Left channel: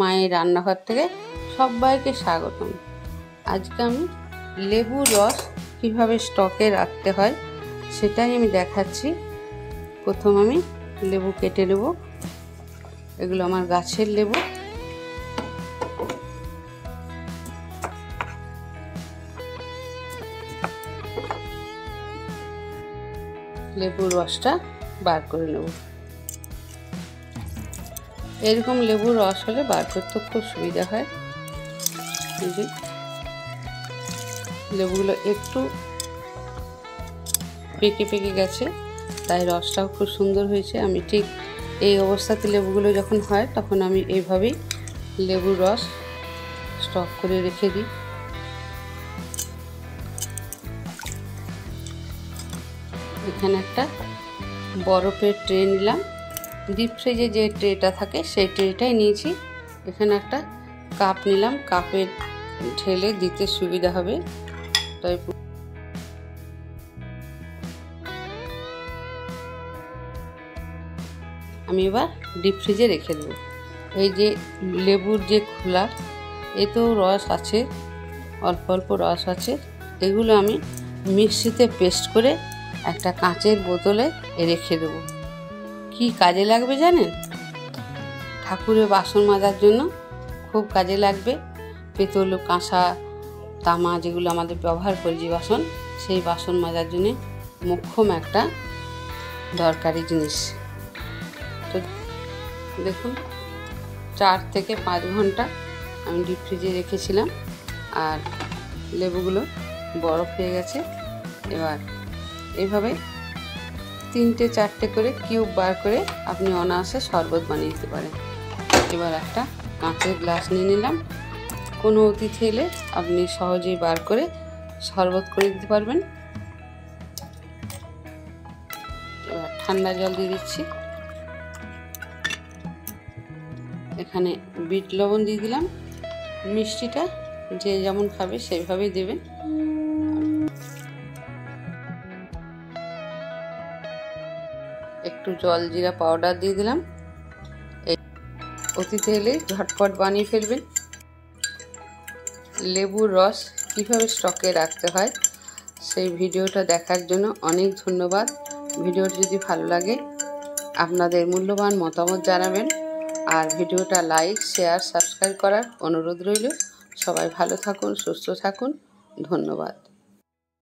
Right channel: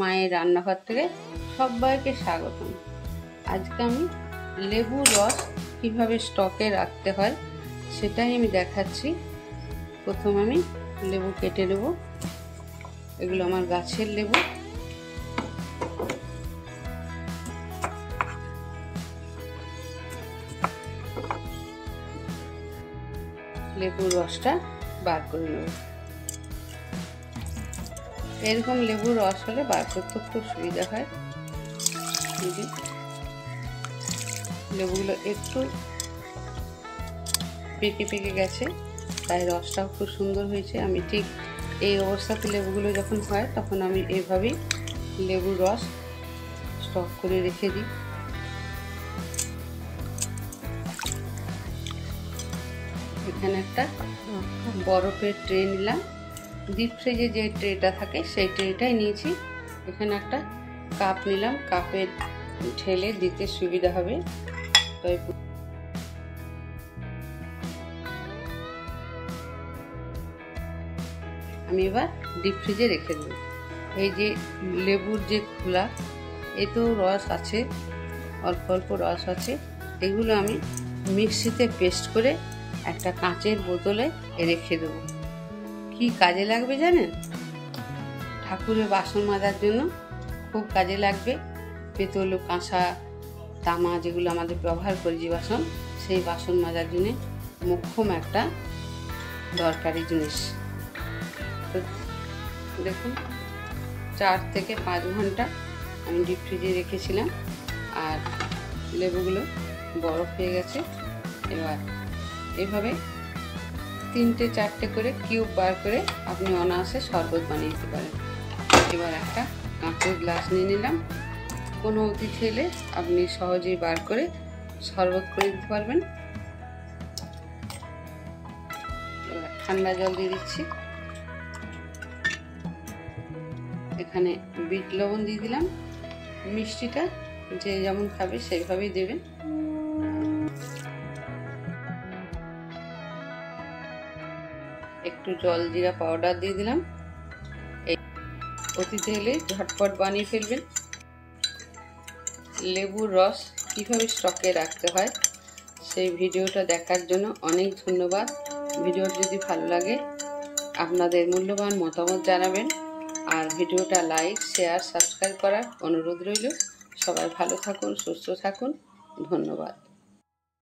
মায়ের রান্নাঘর থেকে সবাইকে স্বাগতম। আজকে আমি লেবুর রস কিভাবে স্টকে রাখতে হয় সেটাই আমি দেখাচ্ছি। প্রথম আমি লেবু কেটে নেব। এগুলো আমার গাছের লেবু। লেবুর রসটা বার করে নেব। এরকম লেবুর রস হলে বার করতে খুব সুবিধা হয়। লেবুগুলো একটু পেকে পেকে গেছে, তাই রসটাও খুব সুন্দর হয়েছে। আমি ঠিক এই অবস্থাতে লেবুগুলো যখন হয় তখন আমি এইভাবেই লেবুর রস স্টক করে রেখে দিই। এখানে একটা বরফের ট্রে নিলাম। ডিপ ফ্রিজে যে ট্রেটা থাকে সেই ট্রেটাই নিয়েছি। এখানে একটা কাপ নিলাম, কাপের ঢেলে দিতে সুবিধা হবে। তাই আমি এবার ডিপ ফ্রিজে রেখে দেব। এই যে লেবুর যে খোলা, এতেও রস আছে, অল্প অল্প রস আছে। এগুলো আমি মিক্সিতে পেস্ট করে একটা কাঁচের বোতলে রেখে দেবো। কি কাজে লাগবে জানেন? ঠাকুরের বাসন মাজার জন্য খুব কাজে লাগবে। পেতল, কাঁসা, তামা যেগুলো আমাদের ব্যবহার করি যে বাসন, সেই বাসন মাজার জন্য মোক্ষম একটা দরকারি জিনিস। তো দেখুন, 4 থেকে 5 ঘন্টা আমি ডিপ ফ্রিজে রেখেছিলাম আর লেবুগুলো বরফ হয়ে গেছে। এবার এইভাবে 3-4টে করে কিউব বার করে আপনি অনায়াসে শরবত বানিয়ে দিতে পারেন। এবার একটা কাঁচের গ্লাস নিয়ে নিলাম। কোনো অতিথি এলে আপনি সহজেই বার করে শরবত করে দিতে পারবেন। এবার ঠান্ডা জল দিয়ে দিচ্ছি। এখানে বিট লবণ দিয়ে দিলাম। মিষ্টিটা যে যেমন খাবে সেইভাবেই দেবেন। একটু জলজিরা পাউডার দিয়ে দিলাম। এই অতিথি এলে ঝটপট বানিয়ে ফেলবেন। লেবুর রস কিভাবে স্টকে রাখতে হয় সেই ভিডিওটা দেখার জন্য অনেক ধন্যবাদ। ভিডিওটি যদি ভালো লাগে আপনাদের মূল্যবান মতামত জানাবেন আর ভিডিওটা লাইক, শেয়ার, সাবস্ক্রাইব করার অনুরোধ রইল। সবাই ভালো থাকুন, সুস্থ থাকুন। ধন্যবাদ।